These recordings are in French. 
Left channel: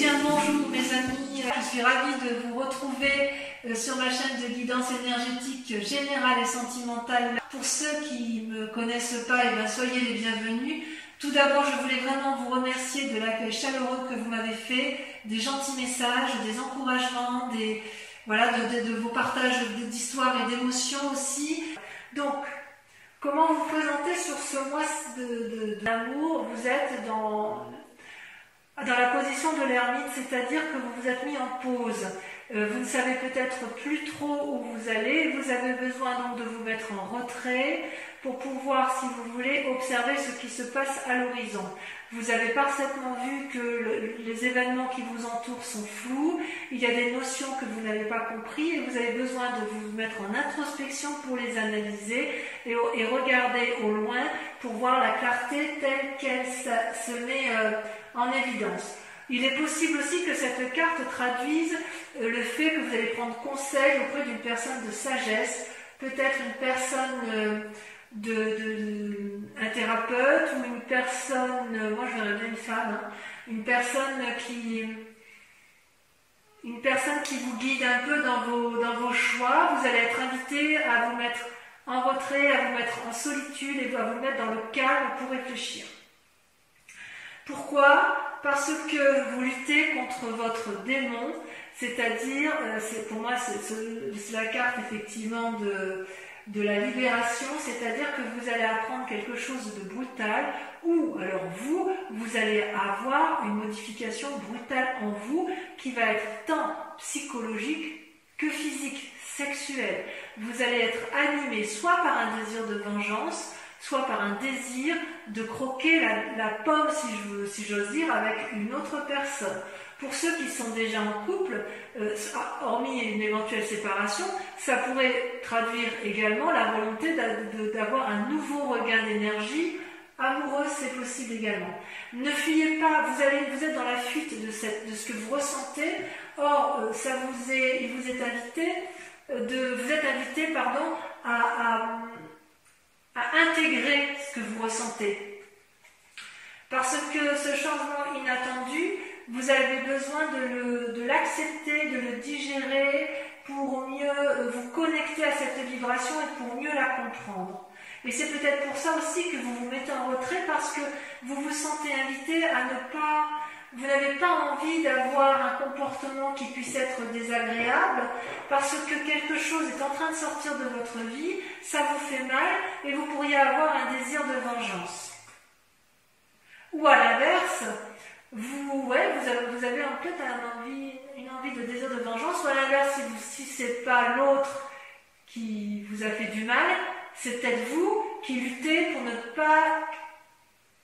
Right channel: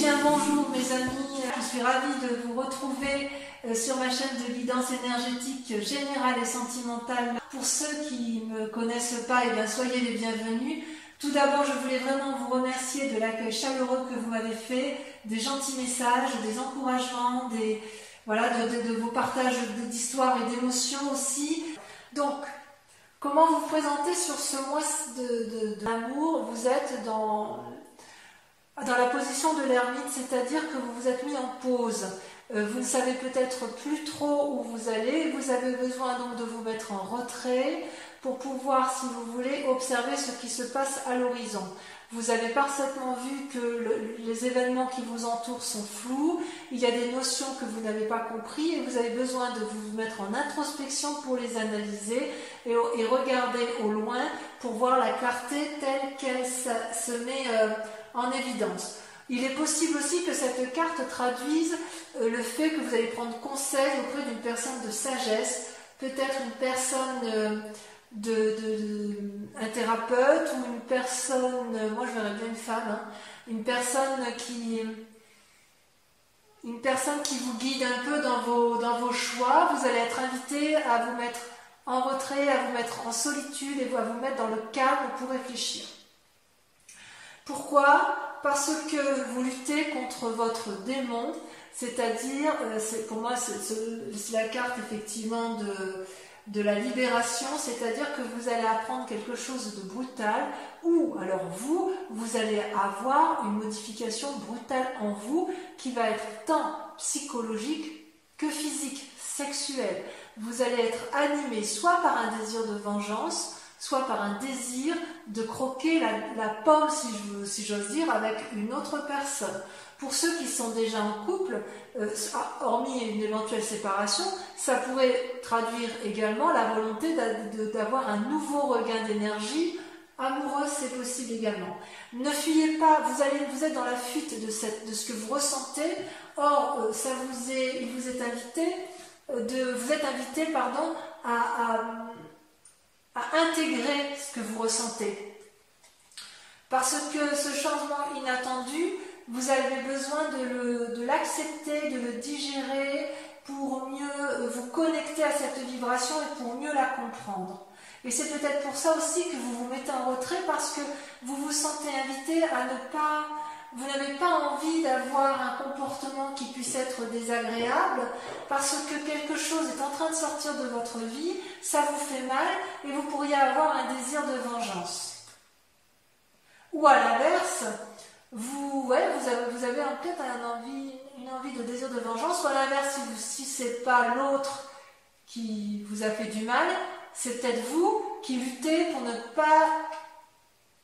bien bonjour mes amis, je suis ravie de vous retrouver sur ma chaîne de guidance énergétique générale et sentimentale. Pour ceux qui ne me connaissent pas, soyez les bienvenus. Tout d'abord, je voulais vraiment vous remercier de l'accueil chaleureux que vous m'avez fait, des gentils messages, des encouragements, de vos partages d'histoires et d'émotions aussi. Donc, comment vous présenter sur ce mois d'amour? Vous êtes dans la position de l'ermite, c'est-à-dire que vous vous êtes mis en pause. Vous ne savez peut-être plus trop où vous allez. Vous avez besoin donc de vous mettre en retrait pour pouvoir, si vous voulez, observer ce qui se passe à l'horizon. Vous avez parfaitement vu que les événements qui vous entourent sont flous, il y a des notions que vous n'avez pas compris et vous avez besoin de vous mettre en introspection pour les analyser et regarder au loin pour voir la clarté telle qu'elle se met en évidence. Il est possible aussi que cette carte traduise le fait que vous allez prendre conseil auprès d'une personne de sagesse, peut-être une personne un thérapeute ou une personne, moi je verrais bien une femme, une personne qui vous guide un peu dans vos choix. Vous allez être invité à vous mettre en retrait, à vous mettre en solitude et à vous mettre dans le calme pour réfléchir. Pourquoi? Parce que vous luttez contre votre démon, c'est-à-dire, pour moi c'est la carte effectivement de la libération, c'est-à-dire que vous allez apprendre quelque chose de brutal ou alors vous allez avoir une modification brutale en vous qui va être tant psychologique que physique, sexuelle. Vous allez être animé soit par un désir de vengeance, soit par un désir de croquer la pomme, si j'ose dire, avec une autre personne. Pour ceux qui sont déjà en couple, hormis une éventuelle séparation, ça pourrait traduire également la volonté d'avoir un nouveau regain d'énergie amoureuse, c'est possible également. Ne fuyez pas, vous êtes dans la fuite de ce que vous ressentez. Or, il vous est invité, à intégrer ce que vous ressentez. Parce que ce changement inattendu, vous avez besoin de l'accepter, de le digérer pour mieux vous connecter à cette vibration et pour mieux la comprendre. Et c'est peut-être pour ça aussi que vous vous mettez en retrait, parce que vous vous sentez invité à vous n'avez pas envie d'avoir un comportement qui puisse être désagréable, parce que quelque chose est en train de sortir de votre vie, ça vous fait mal et vous pourriez avoir un désir de vengeance. Ou à l'inverse, vous avez peut-être une envie de désir de vengeance, ou à l'inverse, si c'est pas l'autre qui vous a fait du mal, c'est peut-être vous qui luttez pour ne pas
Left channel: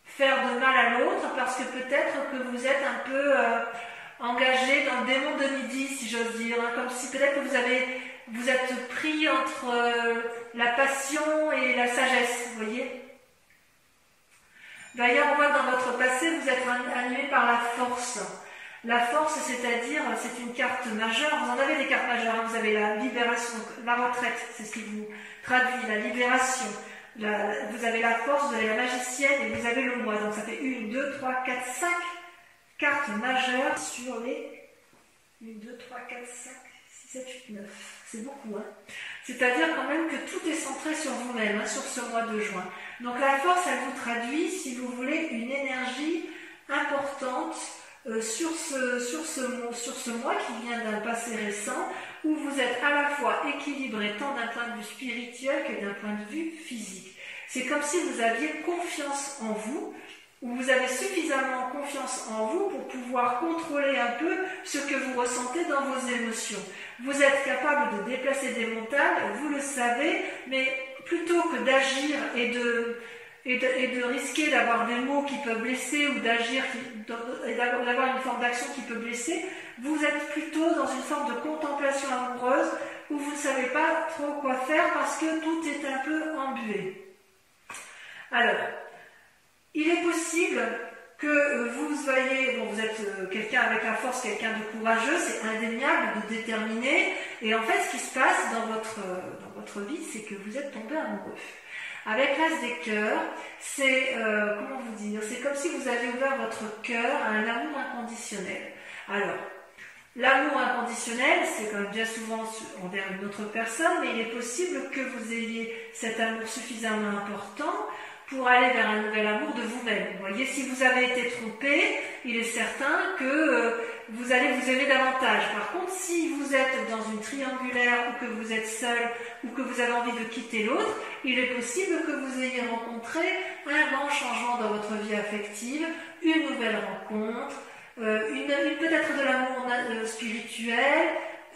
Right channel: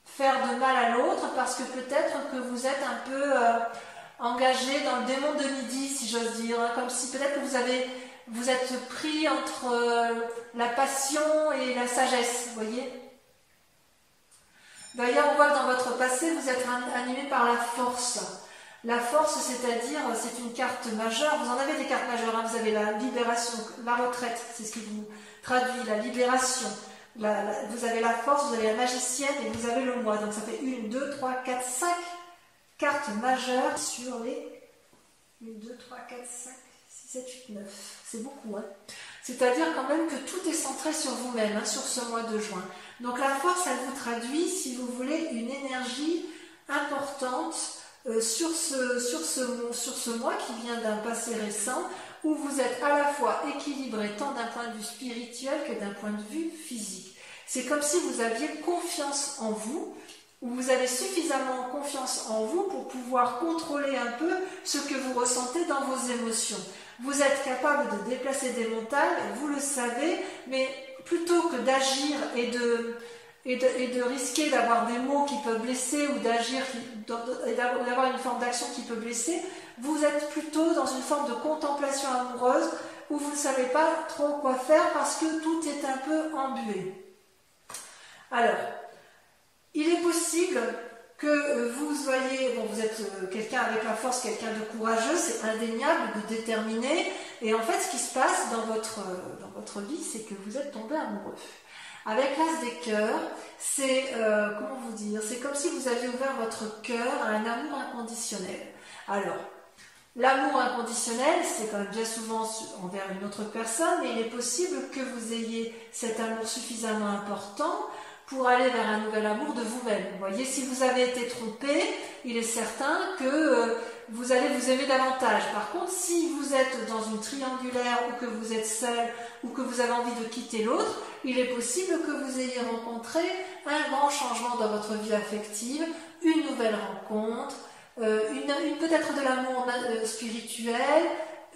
faire de mal à l'autre, parce que peut-être que vous êtes un peu engagé dans le démon de midi, si j'ose dire, comme si peut-être que vous êtes pris entre la passion et la sagesse, vous voyez. D'ailleurs, on voit que dans votre passé, vous êtes animé par la force. La force, c'est-à-dire, c'est une carte majeure. Vous en avez des cartes majeures, vous avez la libération, la retraite, c'est ce qui vous traduit, la libération. Vous avez la force, vous avez la magicienne et vous avez le moi. Donc ça fait 1, 2, 3, 4, 5 cartes majeures sur les 1, 2, 3, 4, 5, 6, 7, 8, 9. C'est beaucoup, C'est-à-dire quand même que tout est centré sur vous-même, sur ce mois de juin. Donc la force, elle vous traduit, si vous voulez, une énergie importante sur ce mois qui vient d'un passé récent, où vous êtes à la fois équilibré tant d'un point de vue spirituel que d'un point de vue physique. C'est comme si vous aviez confiance en vous, ou vous avez suffisamment confiance en vous pour pouvoir contrôler un peu ce que vous ressentez dans vos émotions. Vous êtes capable de déplacer des montagnes, vous le savez, mais plutôt que d'agir et de risquer d'avoir des mots qui peuvent blesser ou d'avoir une forme d'action qui peut blesser, vous êtes plutôt dans une forme de contemplation amoureuse où vous ne savez pas trop quoi faire parce que tout est un peu embué. Alors, il est possible que vous soyez, vous êtes quelqu'un avec la force, quelqu'un de courageux, c'est indéniable, de déterminé, et en fait ce qui se passe dans votre vie, c'est que vous êtes tombé amoureux. Avec l'as des cœurs, c'est, comment vous dire, c'est comme si vous aviez ouvert votre cœur à un amour inconditionnel. Alors, l'amour inconditionnel, c'est quand même bien souvent envers une autre personne, mais il est possible que vous ayez cet amour suffisamment important pour aller vers un nouvel amour de vous-même. Vous voyez, si vous avez été trompé, il est certain que vous allez vous aimer davantage. Par contre, si vous êtes dans une triangulaire ou que vous êtes seul ou que vous avez envie de quitter l'autre, il est possible que vous ayez rencontré un grand changement dans votre vie affective, une nouvelle rencontre, peut-être de l'amour spirituel,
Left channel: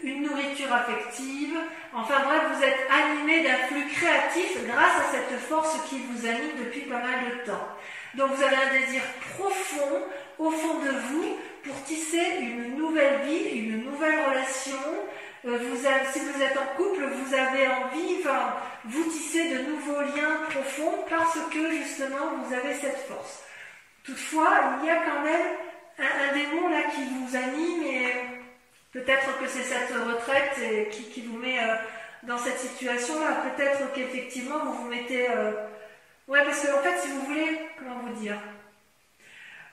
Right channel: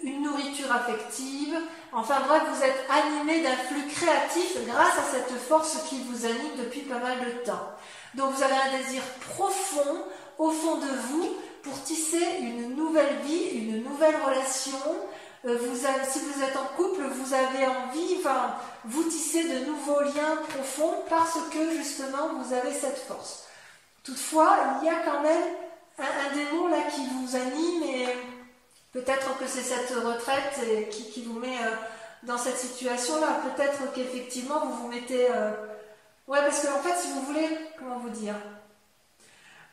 une nourriture affective. Enfin bref, vous êtes animé d'un flux créatif grâce à cette force qui vous anime depuis pas mal de temps. Donc vous avez un désir profond au fond de vous pour tisser une nouvelle vie, une nouvelle relation. Si vous êtes en couple, vous avez envie, vous tissez de nouveaux liens profonds parce que justement vous avez cette force. Toutefois, il y a quand même un démon là qui vous anime et peut-être que c'est cette retraite qui vous met dans cette situation-là. Peut-être qu'effectivement vous vous mettez... Ouais, parce qu'en fait, si vous voulez, comment vous dire,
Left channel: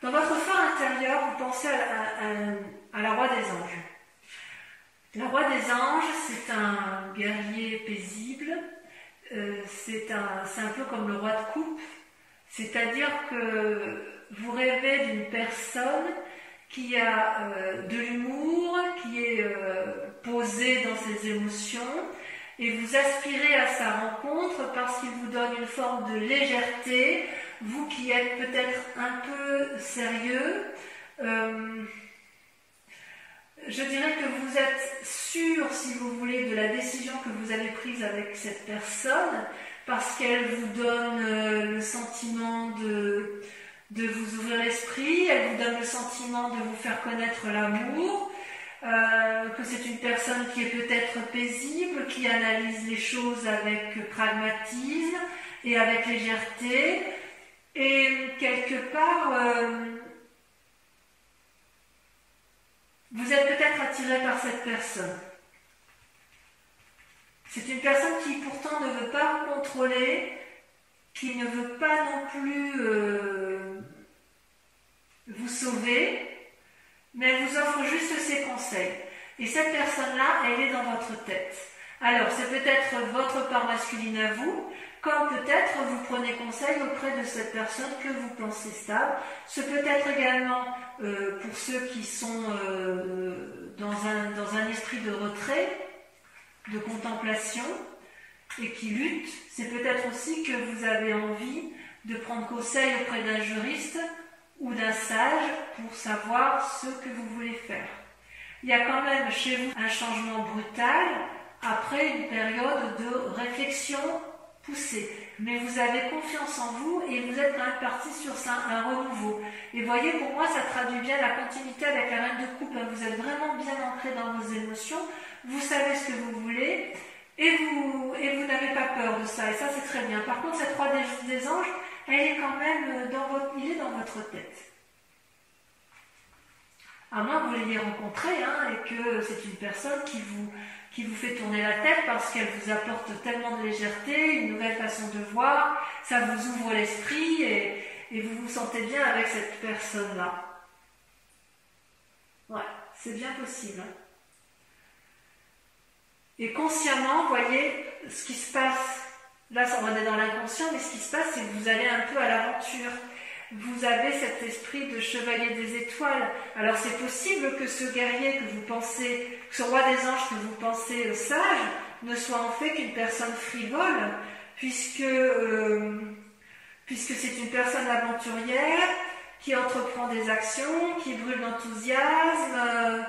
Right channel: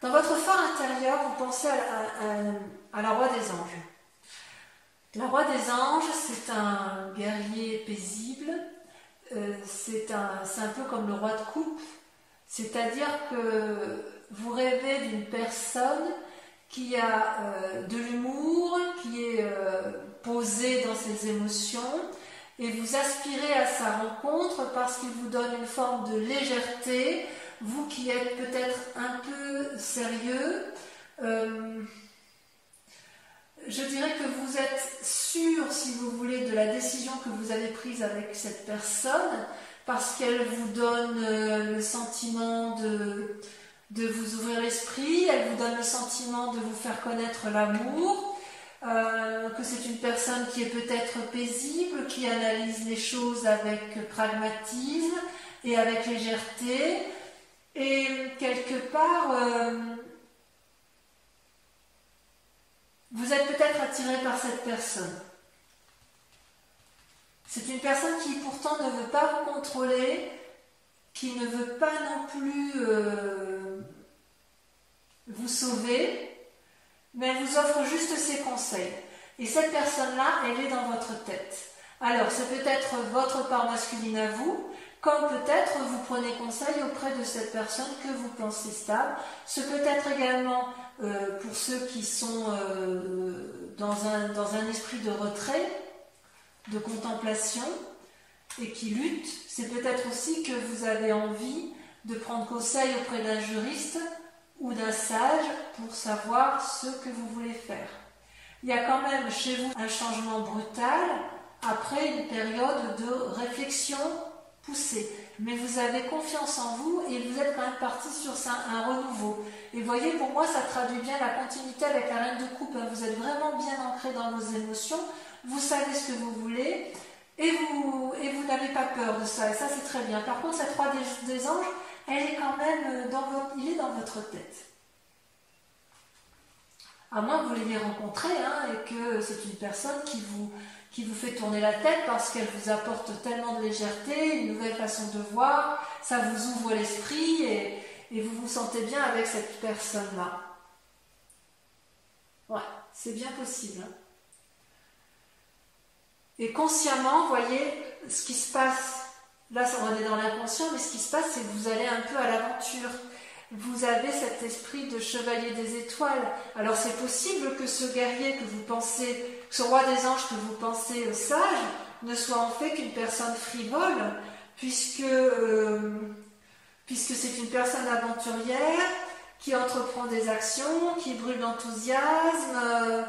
dans votre fort intérieur, vous pensez à la roi des anges. La roi des anges, c'est un guerrier paisible, c'est un peu comme le roi de coupe, c'est-à-dire que vous rêvez d'une personne qui a de l'humour, qui est posée dans ses émotions, et vous aspirez à sa rencontre parce qu'il vous donne une forme de légèreté, vous qui êtes peut-être un peu sérieux. Je dirais que vous êtes sûr, si vous voulez, de la décision que vous avez prise avec cette personne, parce qu'elle vous donne le sentiment de vous ouvrir l'esprit, elle vous donne le sentiment de vous faire connaître l'amour, que c'est une personne qui est peut-être paisible, qui analyse les choses avec pragmatisme et avec légèreté, et quelque part, vous êtes peut-être attiré par cette personne. C'est une personne qui pourtant ne veut pas vous contrôler, qui ne veut pas non plus vous sauver, mais elle vous offre juste ses conseils. Et cette personne-là, elle est dans votre tête. Alors, c'est peut-être votre part masculine à vous, comme peut-être vous prenez conseil auprès de cette personne que vous pensez stable. Ce peut être également pour ceux qui sont dans un esprit de retrait, de contemplation, et qui luttent. C'est peut-être aussi que vous avez envie de prendre conseil auprès d'un juriste ou d'un sage pour savoir ce que vous voulez faire. Il y a quand même chez vous un changement brutal après une période de réflexion poussée. Mais vous avez confiance en vous et vous êtes quand même parti sur un renouveau. Et voyez, pour moi, ça traduit bien la continuité avec la reine de coupe. Vous êtes vraiment bien ancré dans vos émotions, vous savez ce que vous voulez et vous n'avez pas peur de ça. Et ça, c'est très bien. Par contre, cette roi des anges, elle est quand même il est dans votre tête. À moins que vous l'ayez rencontré et que c'est une personne qui vous fait tourner la tête parce qu'elle vous apporte tellement de légèreté, une nouvelle façon de voir, ça vous ouvre l'esprit et vous vous sentez bien avec cette personne-là. Ouais, c'est bien possible. Et consciemment, vous voyez, ce qui se passe, là on est dans l'inconscient, mais ce qui se passe, c'est que vous allez un peu à l'aventure. Vous avez cet esprit de chevalier des étoiles. Alors c'est possible que ce guerrier que vous pensez, ce roi des anges que vous pensez sage, ne soit en fait qu'une personne frivole, puisque c'est une personne aventurière qui entreprend des actions, qui brûle d'enthousiasme,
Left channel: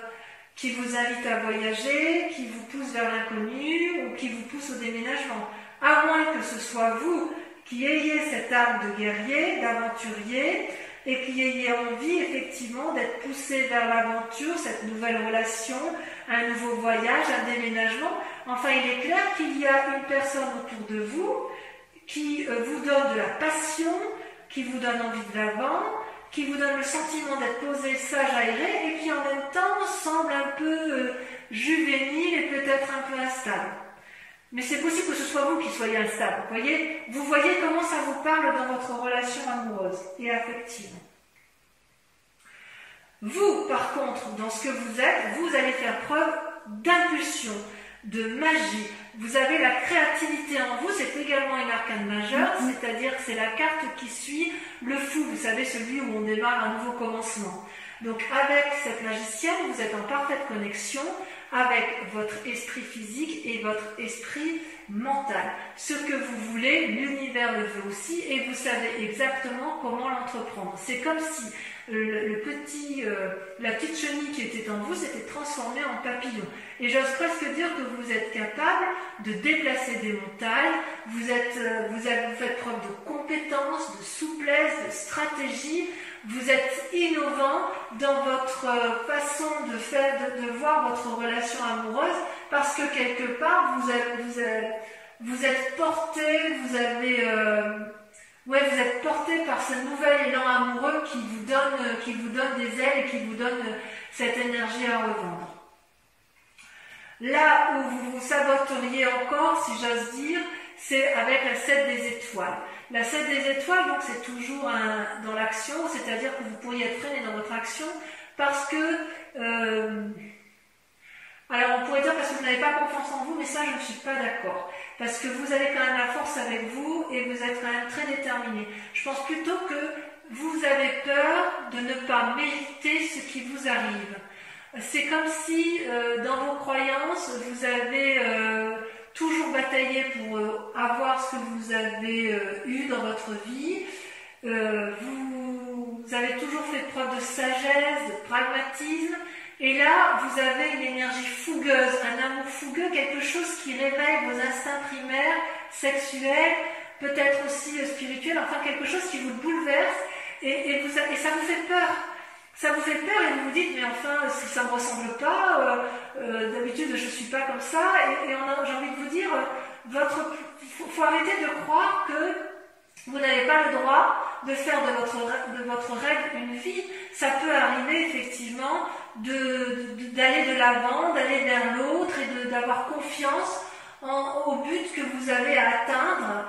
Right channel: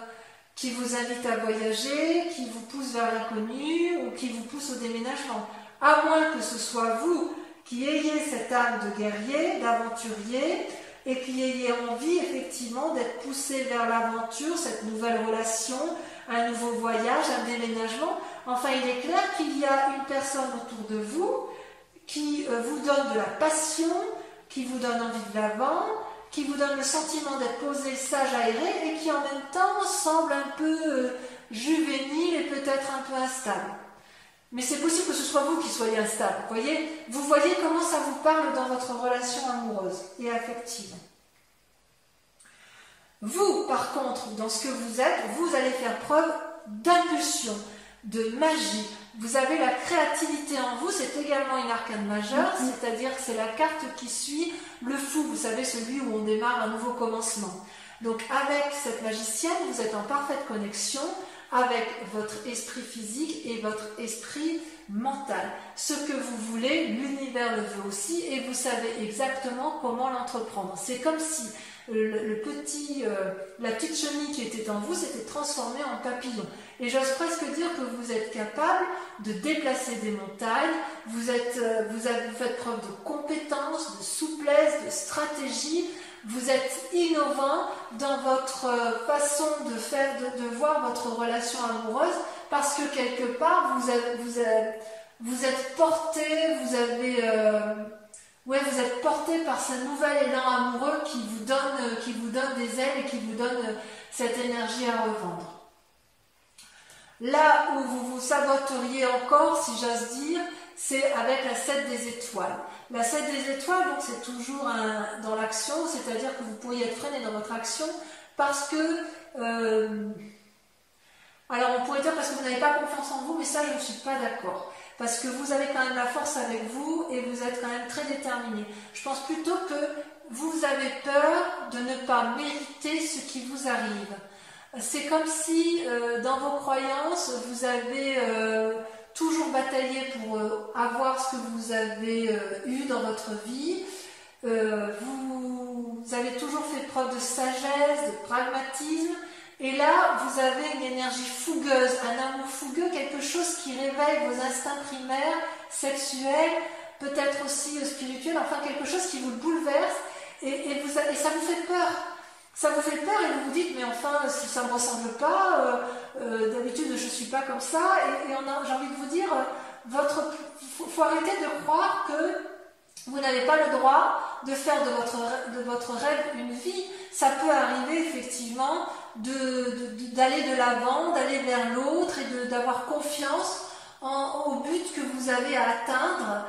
qui vous invite à voyager, qui vous pousse vers l'inconnu ou qui vous pousse au déménagement. À moins que ce soit vous qui ayez cette âme de guerrier, d'aventurier, et qui ayez envie effectivement d'être poussé vers l'aventure, cette nouvelle relation, un nouveau voyage, un déménagement. Enfin, il est clair qu'il y a une personne autour de vous qui vous donne de la passion, qui vous donne envie de l'avant, qui vous donne le sentiment d'être posé, sage, aéré, et qui en même temps semble un peu juvénile et peut-être un peu instable. Mais c'est possible que ce soit vous qui soyez instable. Vous voyez comment ça vous parle dans votre relation amoureuse et affective. Vous, par contre, dans ce que vous êtes, vous allez faire preuve d'impulsion, de magie. Vous avez la créativité en vous, c'est également une arcane majeure, c'est-à-dire que c'est la carte qui suit le fou, vous savez, celui où on démarre un nouveau commencement. Donc avec cette magicienne, vous êtes en parfaite connexion avec votre esprit physique et votre esprit mental. Ce que vous voulez, l'univers le veut aussi et vous savez exactement comment l'entreprendre. C'est comme si la petite chenille qui était en vous s'était transformée en papillon. Et j'ose presque dire que vous êtes capable de déplacer des montagnes, vous faites preuve de compétence, de souplesse, de stratégie, vous êtes innovant dans votre façon de voir votre relation amoureuse parce que quelque part vous êtes porté, vous êtes porté par ce nouvel élan amoureux qui vous donne des ailes et qui vous donne cette énergie à revendre. Là où vous vous saboteriez encore, si j'ose dire, c'est avec la 7 des étoiles. La 7 des étoiles, donc c'est toujours dans l'action, c'est-à-dire que vous pourriez être freiné dans votre action parce que... alors on pourrait dire parce que vous n'avez pas confiance en vous, mais ça je ne suis pas d'accord. Parce que vous avez quand même la force avec vous et vous êtes quand même très déterminé. Je pense plutôt que vous avez peur de ne pas mériter ce qui vous arrive. C'est comme si dans vos croyances, vous avez toujours bataillé pour avoir ce que vous avez eu dans votre vie. Vous avez toujours fait preuve de sagesse, de pragmatisme. Et là, vous avez une énergie fougueuse, un amour fougueux, quelque chose qui réveille vos instincts primaires, sexuels, peut-être aussi spirituels, enfin quelque chose qui vous bouleverse et ça vous fait peur. Ça vous fait peur et vous vous dites, mais enfin, ça ne me ressemble pas, d'habitude je ne suis pas comme ça. Et j'ai envie de vous dire, faut arrêter de croire que vous n'avez pas le droit de faire de votre rêve une vie. Ça peut arriver effectivement d'aller de l'avant, d'aller vers l'autre et d'avoir confiance au but que vous avez à atteindre.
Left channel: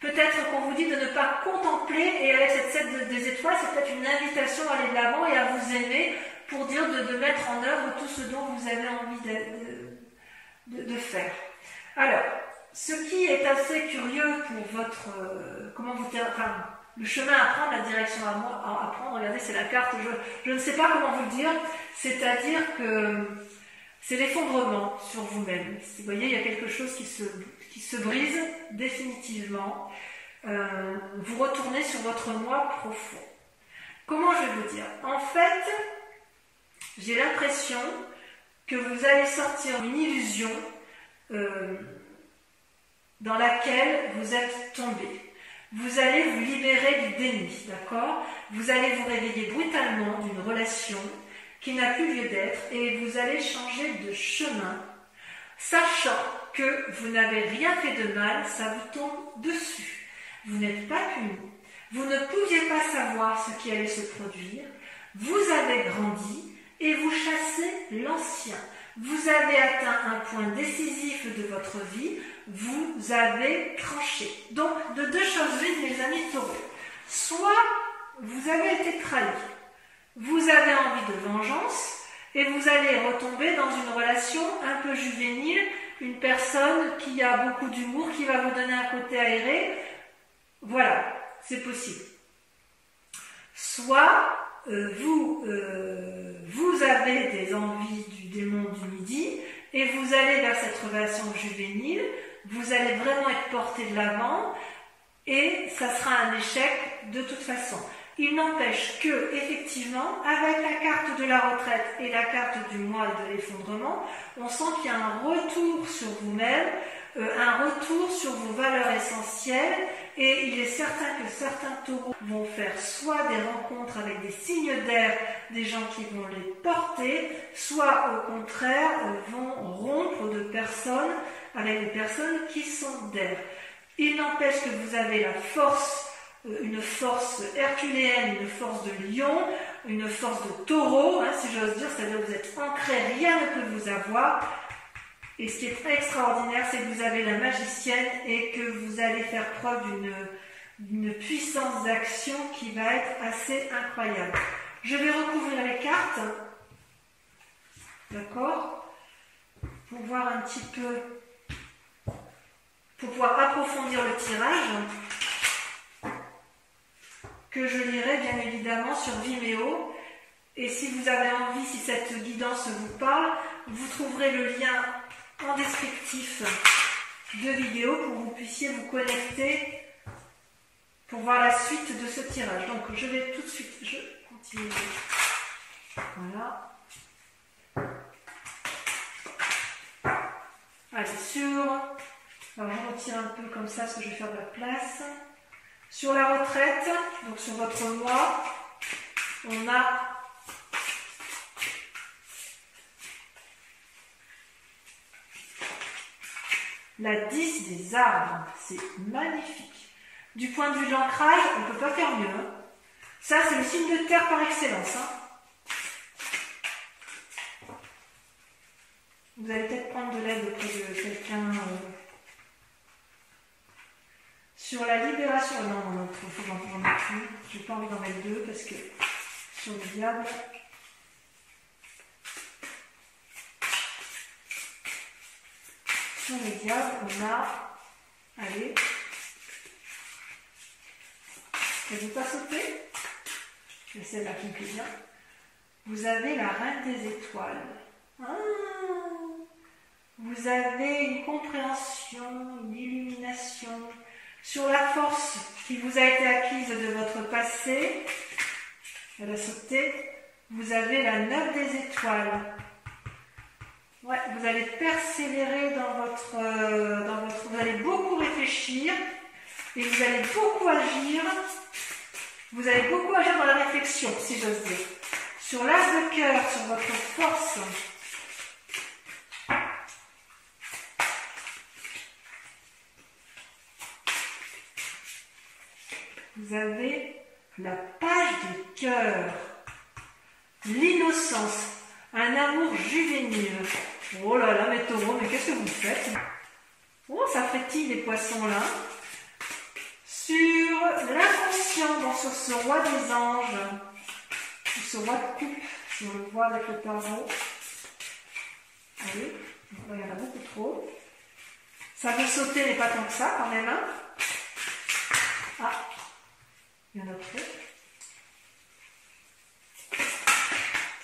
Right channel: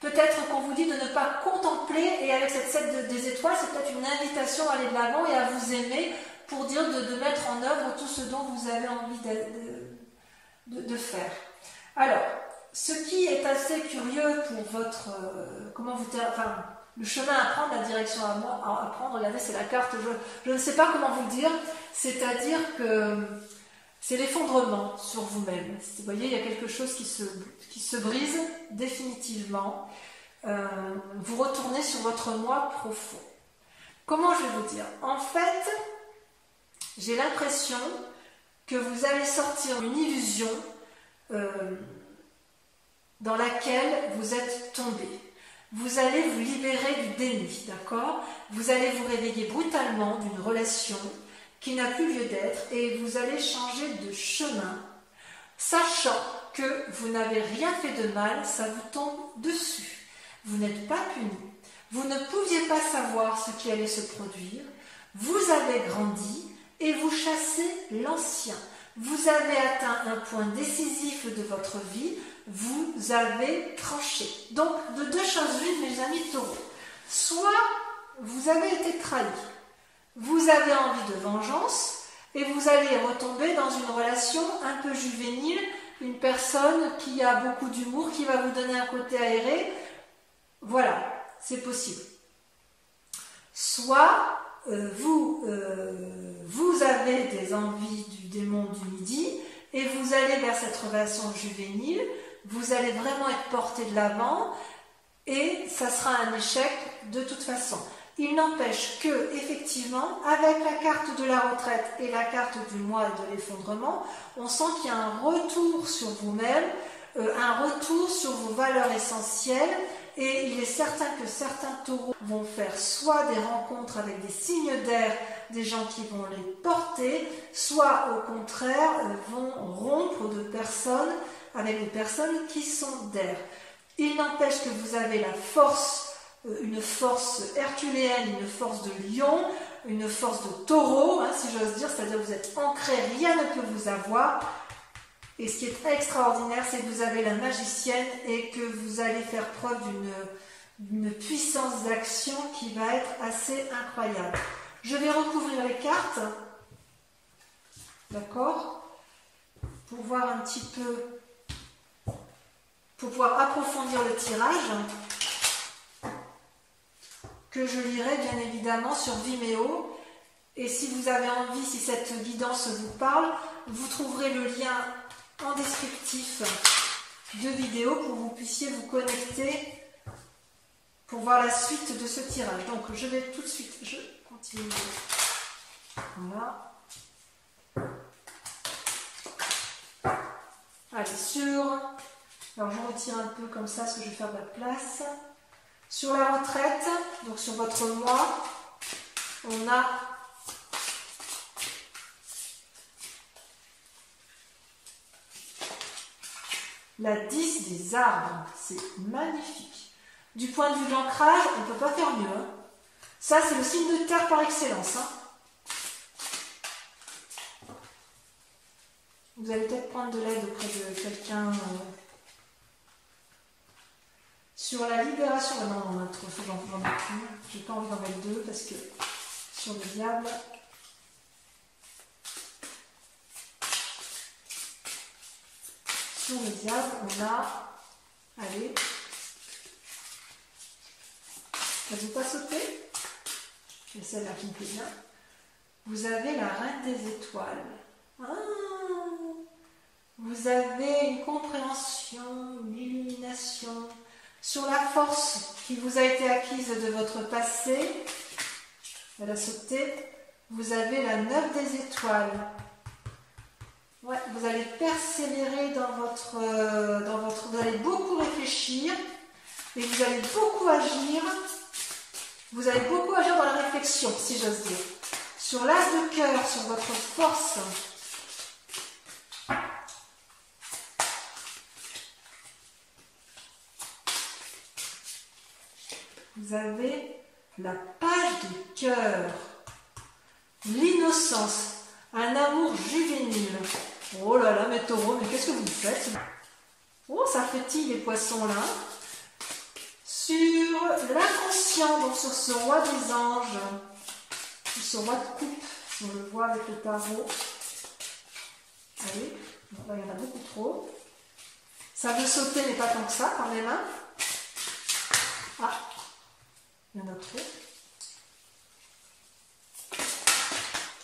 Peut-être qu'on vous dit de ne pas contempler, et avec cette 7 des étoiles, c'est peut-être une invitation à aller de l'avant et à vous aimer pour dire de mettre en œuvre tout ce dont vous avez envie de faire. Alors, ce qui est assez curieux pour votre... le chemin à prendre, la direction à prendre, regardez, c'est la carte, je ne sais pas comment vous le dire, c'est-à-dire que c'est l'effondrement sur vous-même. Vous voyez, il y a quelque chose qui se brise définitivement. Vous retournez sur votre moi profond. Comment je vais vous dire? En fait, j'ai l'impression que vous allez sortir d'une illusion dans laquelle vous êtes tombé. Vous allez vous libérer du déni, d'accord? Vous allez vous réveiller brutalement d'une relation qui n'a plus lieu d'être et vous allez changer de chemin, sachant que vous n'avez rien fait de mal, ça vous tombe dessus. Vous n'êtes pas puni, vous ne pouviez pas savoir ce qui allait se produire, vous avez grandi et vous chassez l'ancien. Vous avez atteint un point décisif de votre vie, vous avez tranché. Donc, de deux choses l'une, mes amis taureaux. Soit vous avez été trahi, vous avez envie de vengeance et vous allez retomber dans une relation un peu juvénile, une personne qui a beaucoup d'humour, qui va vous donner un côté aéré. Voilà, c'est possible. Soit vous avez des envies du démon du midi et vous allez vers cette relation juvénile, vous allez vraiment être porté de l'avant et ça sera un échec de toute façon. Il n'empêche que, effectivement, avec la carte de la retraite et la carte du moi et de l'effondrement, on sent qu'il y a un retour sur vous-même, un retour sur vos valeurs essentielles, et il est certain que certains taureaux vont faire soit des rencontres avec des signes d'air, des gens qui vont les porter, soit au contraire vont rompre de personnes avec des personnes qui sont d'air. Il n'empêche que vous avez la force, une force herculéenne, une force de lion, une force de taureau, hein, si j'ose dire, c'est-à-dire que vous êtes ancré, rien ne peut vous avoir. Et ce qui est extraordinaire, c'est que vous avez la magicienne et que vous allez faire preuve d'une puissance d'action qui va être assez incroyable. Je vais recouvrir les cartes, d'accord, pour voir un petit peu, pour pouvoir approfondir le tirage, que je lirai bien évidemment sur Vimeo. Et si vous avez envie, si cette guidance vous parle, vous trouverez le lien en descriptif de vidéo pour que vous puissiez vous connecter pour voir la suite de ce tirage. Donc je vais tout de suite, je continue. Voilà. Allez, alors je retire un peu comme ça parce que je vais faire de la place. Sur la retraite, donc sur votre mois, on a la 10 des arbres. C'est magnifique. Du point de vue de l'ancrage, on ne peut pas faire mieux. Hein. Ça, c'est le signe de terre par excellence. Hein. Vous allez peut-être prendre de l'aide auprès de quelqu'un. Sur la libération, non, il faut que j'en mette plus. J'ai pas envie d'en mettre deux parce que sur le diable. Sur le diable, on a. Allez. Elle ne veut pas sauter. C'est celle-là qui me plaît bien. Vous avez la reine des étoiles. Ah, vous avez une compréhension, une illumination. Sur la force qui vous a été acquise de votre passé, elle a sauté, vous avez la 9 des étoiles. Ouais, vous allez persévérer dans votre... Vous allez beaucoup réfléchir et vous allez beaucoup agir. Vous allez beaucoup agir dans la réflexion, si j'ose dire. Sur l'as de cœur, sur votre force... Vous avez la page de cœur, l'innocence, un amour juvénile. Oh là là, mes taureaux, mais qu'est-ce que vous faites? Oh, ça frétille les poissons là. Sur l'inconscient, donc sur ce roi des anges, ce roi de coupe, si on le voit avec le tarot. Allez, là, il y en a beaucoup trop. Ça veut sauter, mais pas tant que ça quand même. Hein. Ah. Il y en a trop.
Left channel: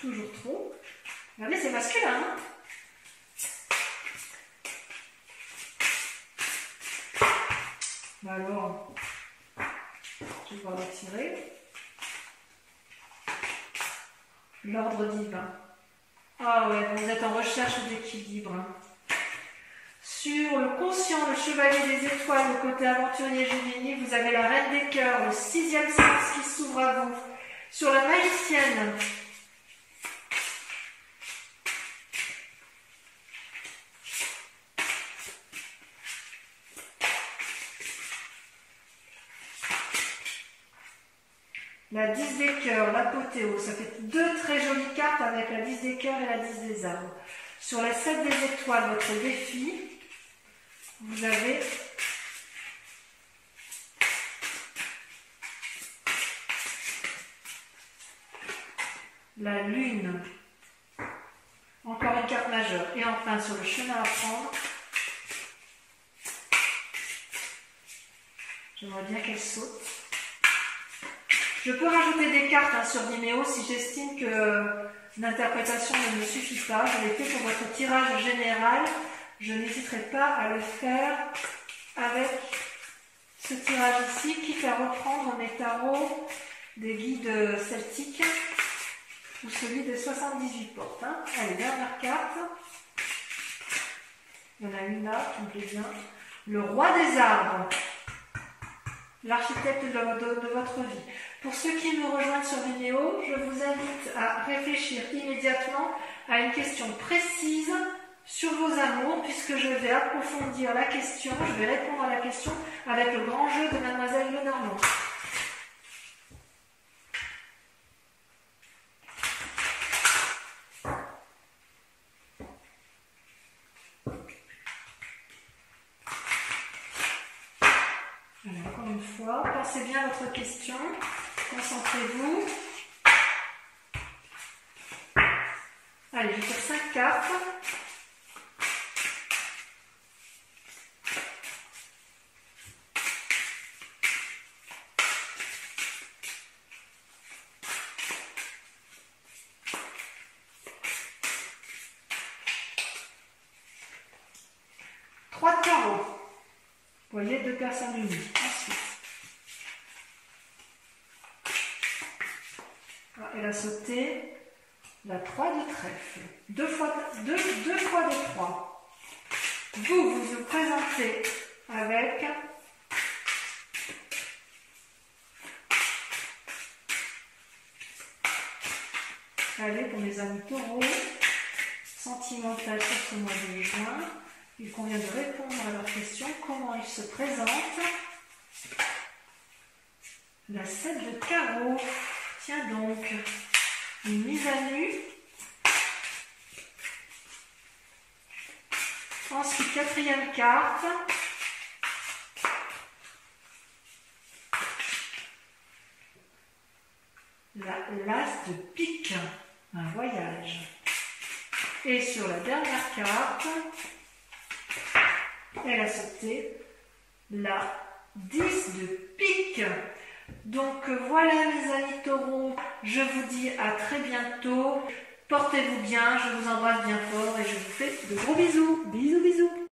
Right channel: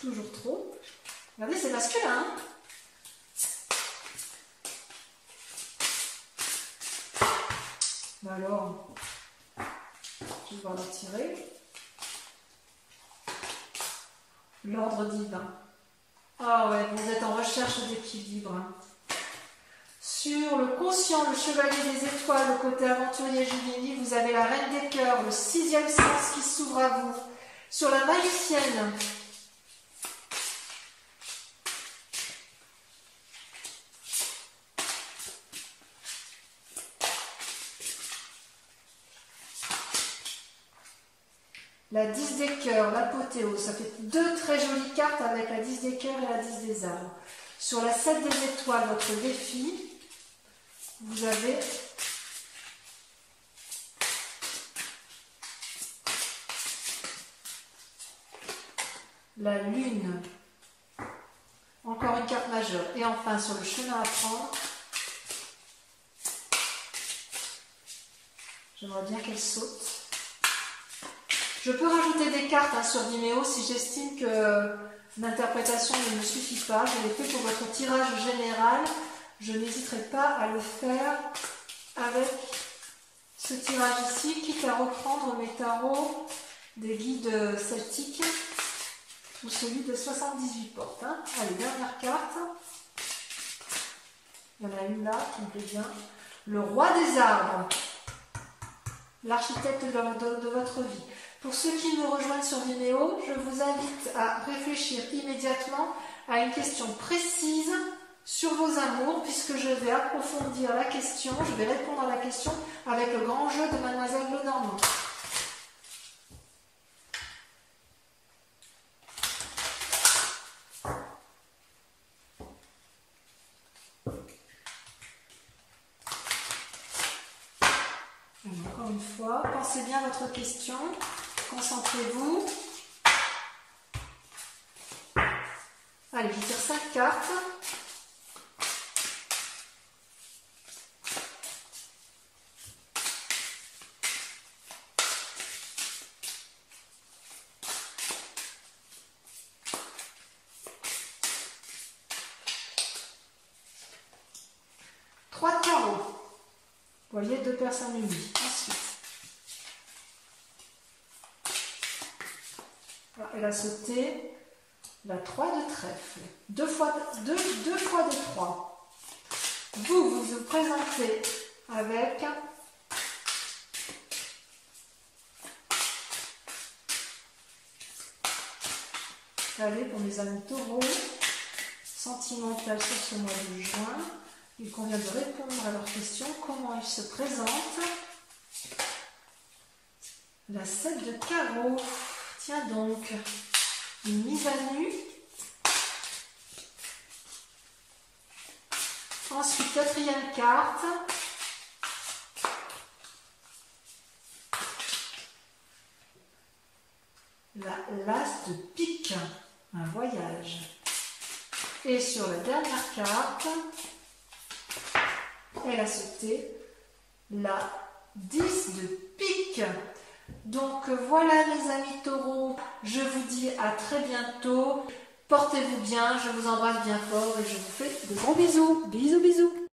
Toujours trop. Regardez, c'est masculin. Hein, bah alors, je vais devoir la tirer. L'ordre divin. Ah ouais, vous êtes en recherche d'équilibre. Sur le conscient, le chevalier des étoiles, le côté aventurier juvénile, vous avez la reine des cœurs, le 6e sens qui s'ouvre à vous. Sur la magicienne, la 10 des cœurs, l'apothéose, ça fait deux très jolies cartes avec la 10 des cœurs et la 10 des arbres. Sur la 7 des étoiles, votre défi, vous avez la lune, encore une carte majeure. Et enfin, sur le chemin à prendre, j'aimerais bien qu'elle saute. Je peux rajouter des cartes hein, sur Vimeo si j'estime que l'interprétation ne me suffit pas. Je l'ai fait pour votre tirage général. Je n'hésiterai pas à le faire avec ce tirage ici, quitte à reprendre mes tarots des guides celtiques ou celui de 78 portes. Hein. Allez, dernière carte. Il y en a une là qui me plaît bien. Le roi des arbres, l'architecte de votre vie. Pour ceux qui me rejoignent sur Vimeo, je vous invite à réfléchir immédiatement à une question précise sur vos amours, puisque je vais approfondir la question, je vais répondre à la question avec le grand jeu de Mademoiselle Lenormand. Alors, encore une fois, pensez bien à votre question, concentrez-vous. Allez, je tire 5 cartes. Trois de carreau. Vous voyez, 2 personnes unies. Ensuite, elle a sauté la 3 de trèfle. Deux fois des 3. Vous vous présentez avec allez, pour mes amis taureaux, sentimental sur ce mois de juin. Il convient de répondre à leurs questions. Comment ils se présentent? La 7 de carreau. Tiens donc, une mise à nu. Ensuite, 4e carte. L'as de pique, un voyage. Et sur la dernière carte, elle a sauté la 10 de pique. Donc voilà mes amis taureaux, je vous dis à très bientôt. Portez-vous bien, je vous embrasse bien fort et je vous fais de gros bisous. Bisous, bisous.